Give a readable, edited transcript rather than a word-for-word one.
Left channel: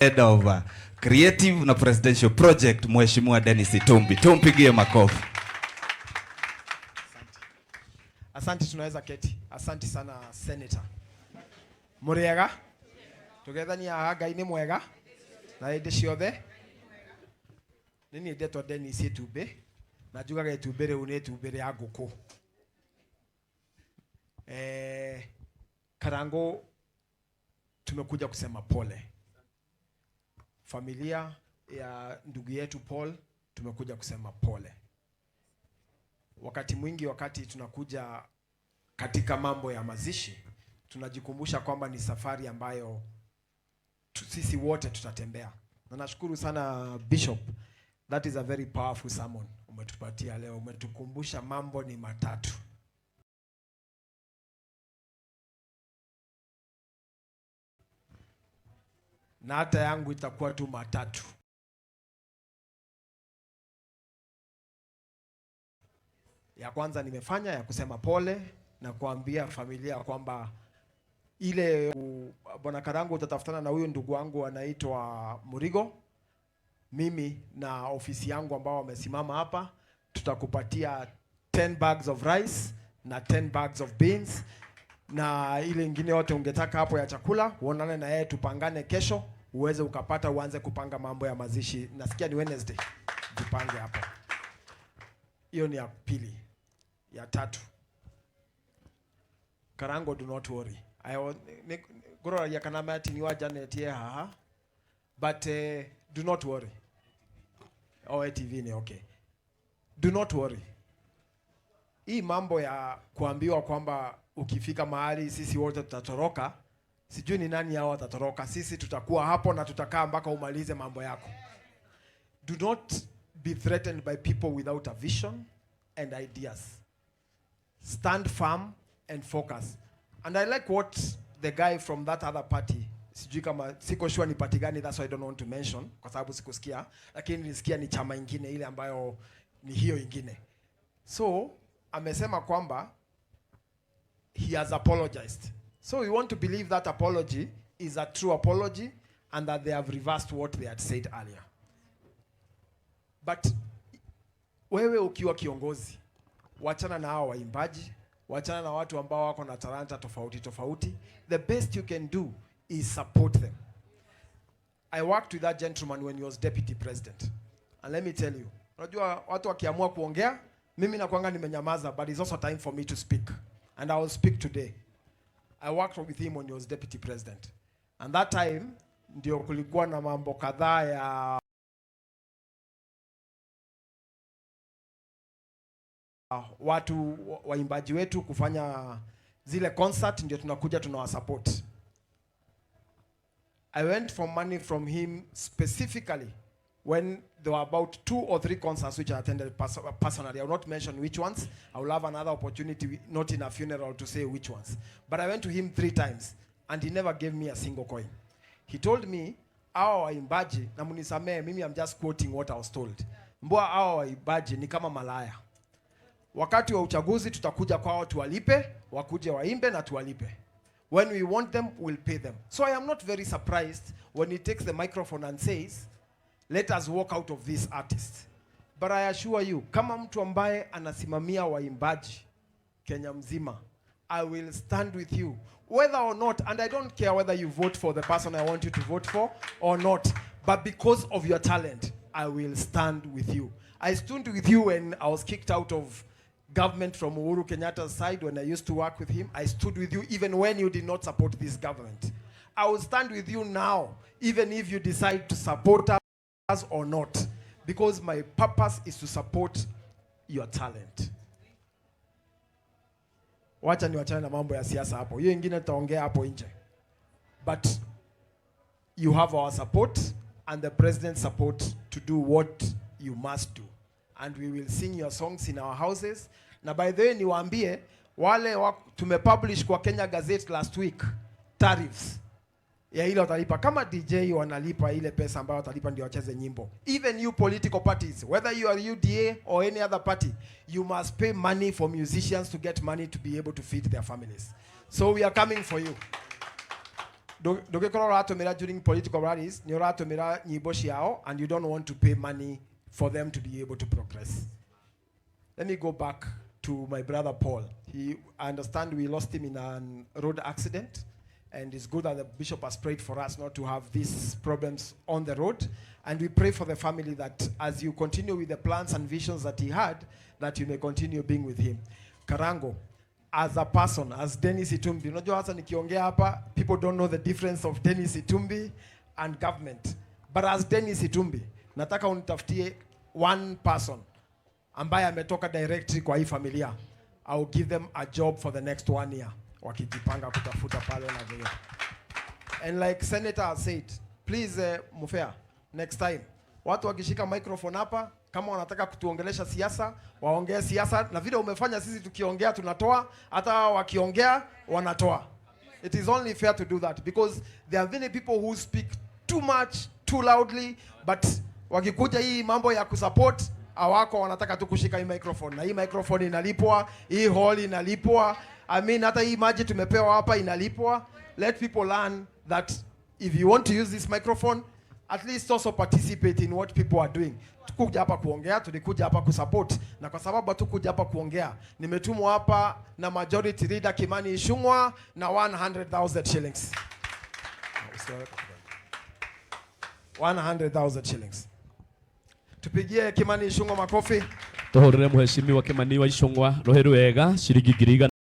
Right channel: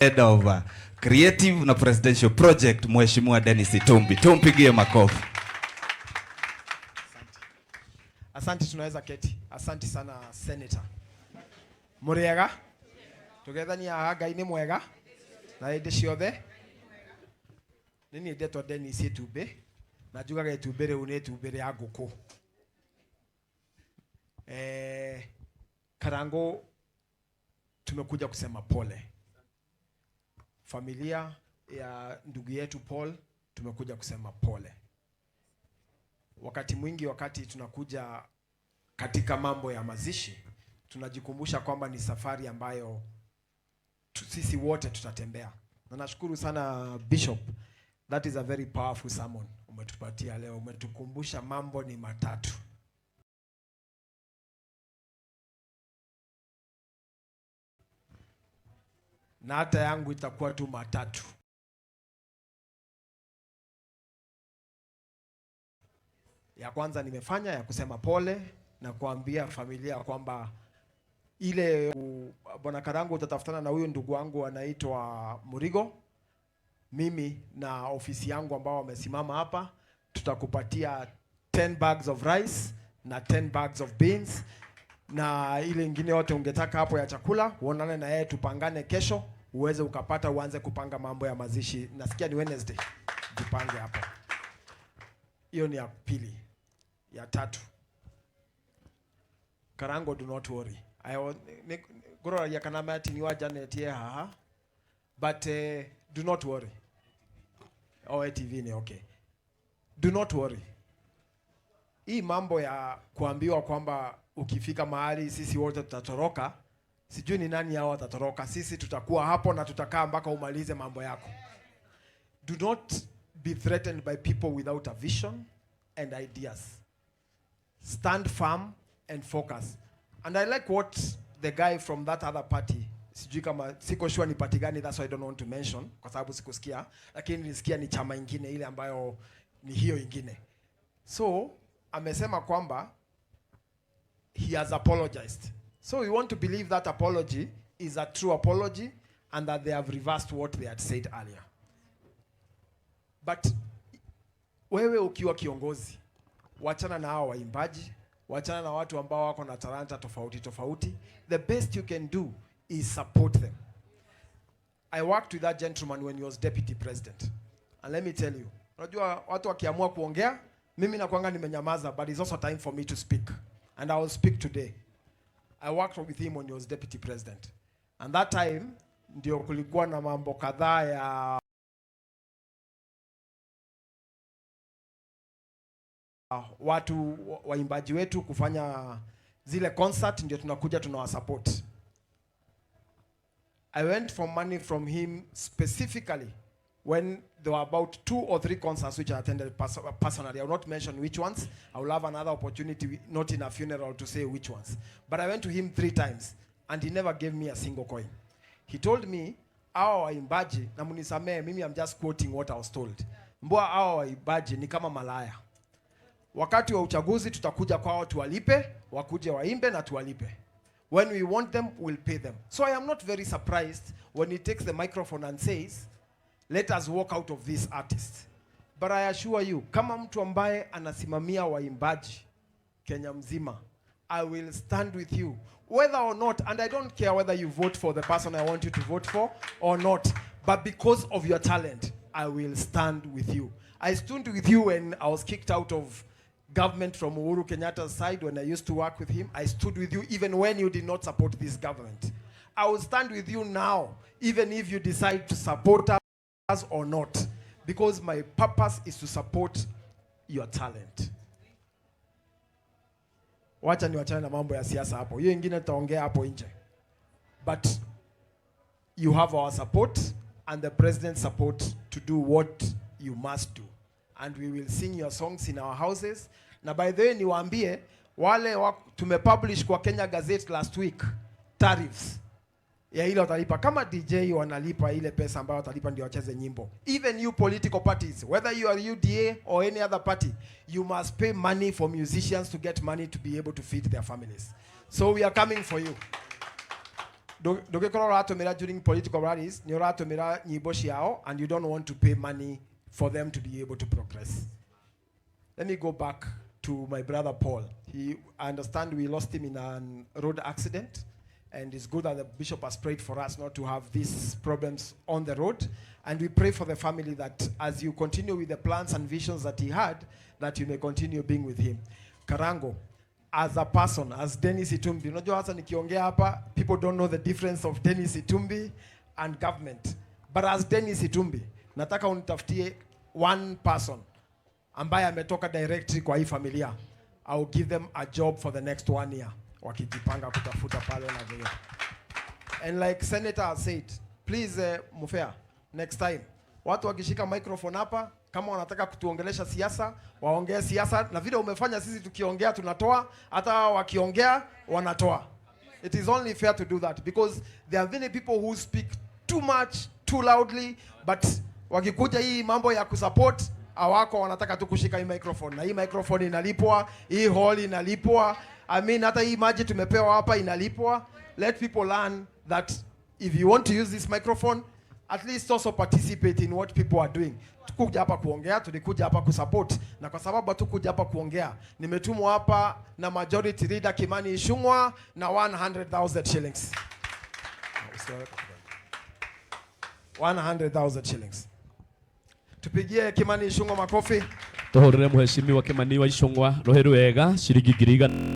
Head of Creative na Presidential Project, Mheshimiwa Dennis Itumbi. Tumpigie makofi. Asante, tunaweza keti. Asante sana Senator. Muriega? Tugethania haga ini mwega. Na inde ciothe. Nini ndetwa Dennis Itumbi. Na njugaga Itumbi riu ni Itumbi ria nguku. Karango tumekuja kusema pole. Familia ya ndugu yetu Paul tumekuja kusema pole. Wakati mwingi wakati tunakuja katika mambo ya mazishi, tunajikumbusha kwamba ni safari ambayo sisi wote tutatembea. Na nashukuru sana Bishop. That is a very powerful sermon umetupatia leo. Umetukumbusha mambo ni matatu. Na hata yangu itakuwa tu matatu. Ya kwanza nimefanya ya kusema pole na kuambia familia kwamba ile Bwana Karango utatafutana na huyo ndugu wangu anaitwa Murigo. Mimi na ofisi yangu ambao wamesimama hapa tutakupatia 10 bags of rice na 10 bags of beans. Na ile ingine yote ungetaka hapo ya chakula, uonane na yeye tupangane kesho, uweze ukapata uanze kupanga mambo ya mazishi. Nasikia ni Wednesday. Tupange hapo. Hiyo ni ya pili. Ya tatu. Karango, do not worry. Goro ya kanama ati ni Janet ye haha. But do not worry. TV ni okay. Do not worry. Hii mambo ya kuambiwa kwamba ukifika mahali sisi wote tutatoroka, sijui ni nani hao watatoroka. Sisi tutakuwa hapo na tutakaa mpaka umalize mambo yako. Do not be threatened by people without a vision and ideas. Stand firm and focus. And I like what the guy from that other party, sijui kama siko sure ni party gani, that's why I don't want to mention kwa sababu sikusikia, lakini nilisikia ni chama ingine ile ambayo ni hiyo ingine. So amesema kwamba he has apologized. So we want to believe that apology is a true apology and that they have reversed what they had said earlier. But wewe ukiwa kiongozi, wachana na hao waimbaji, wachana na watu ambao wako na talanta tofauti tofauti. The best you can do is support them. I worked with that gentleman when he was deputy president. And let me tell you, unajua watu wakiamua kuongea, mimi nakuanga nimenyamaza, but it's also time for me to speak. And I will speak today. I worked with him when he was deputy president. And that time, ndio kulikuwa na mambo kadhaa ya watu waimbaji wetu kufanya zile concert, ndio tunakuja tunawasupport. I went for money from him specifically when there were about 2 or 3 concerts which I attended personally. I will not mention which ones. I will have another opportunity, not in a funeral, to say which ones. But I went to him 3 times and he never gave me a single coin. He told me, "Awa waimbaji, na munisamee, mimi I'm just quoting what I was told. Mbwa awa waimbaji ni kama malaya. Wakati wa uchaguzi tutakuja kwao tuwalipe, wakuje waimbe na tuwalipe. When we want them, we'll pay them." So I am not very surprised when he takes the microphone and says, "Let us walk out of this artist." But I assure you, kama mtu ambaye anasimamia waimbaji Kenya mzima, I will stand with you. Whether or not, and I don't care whether you vote for the person I want you to vote for or not, but because of your talent, I will stand with you. I stood with you when I was kicked out of government from Uhuru Kenyatta's side when I used to work with him. I stood with you even when you did not support this government. I will stand with you now, even if you decide to support us or not, because my purpose is to support your talent. Wacha ni wachana na mambo ya siasa hapo. Hiyo ingine tutaongea hapo nje. But you have our support and the president's support to do what you must do. And we will sing your songs in our houses. Na by the way niwaambie wale tumepublish kwa Kenya Gazette last week tariffs ya ile watalipa. Kama DJ wanalipa ile pesa ambayo watalipa ndio wacheze nyimbo. Even you political parties, whether you are UDA or any other party, you must pay money for musicians to get money to be able to feed their families. So we are coming for you. ndugikora uratumira during political rallies ni uratumira nyimbo ciao and you don't want to pay money for them to be able to progress. Let me go back to my brother Paul. I understand we lost him in a road accident, and it's good that the bishop has prayed for us not to have these problems on the road. And we pray for the family that as you continue with the plans and visions that he had, that you may continue being with him. Karango, as a person, as Dennis Itumbi, unajua hasa nikiongea hapa, people don't know the difference of Dennis Itumbi and government. But as Dennis Itumbi, nataka unitafutie one person ambaye ametoka directly kwa hii familia. I will give them a job for the next 1 year. Wakijipanga kutafuta pale na vile. And like Senator has said, please Mufea, next time, watu wakishika microphone hapa, kama wanataka kutuongelesha siasa, waongee siasa, na vile umefanya sisi tukiongea tunatoa, hata wakiongea wanatoa. It is only fair to do that because there are many people who speak too much, too loudly, but wakikuja hii mambo ya kusupport, awako wanataka tu kushika hii microphone. Na hii microphone inalipwa, hii hall inalipwa. I mean, hata hii maji tumepewa hapa inalipwa. Let people learn that if you want to use this microphone, at least also participate in what people are doing. Tukuja hapa kuongea, tulikuja hapa kusupport. Na kwa sababu tukuja hapa kuongea, nimetumwa hapa na Majority Leader Kimani Ichung'wah na 100,000 shillings. 100,000 shillings. Tupigie Kimani Ichung'wah makofi. Tuhorere mheshimiwa Kimani wa Ichung'wah roheru wega shiringi 1,000.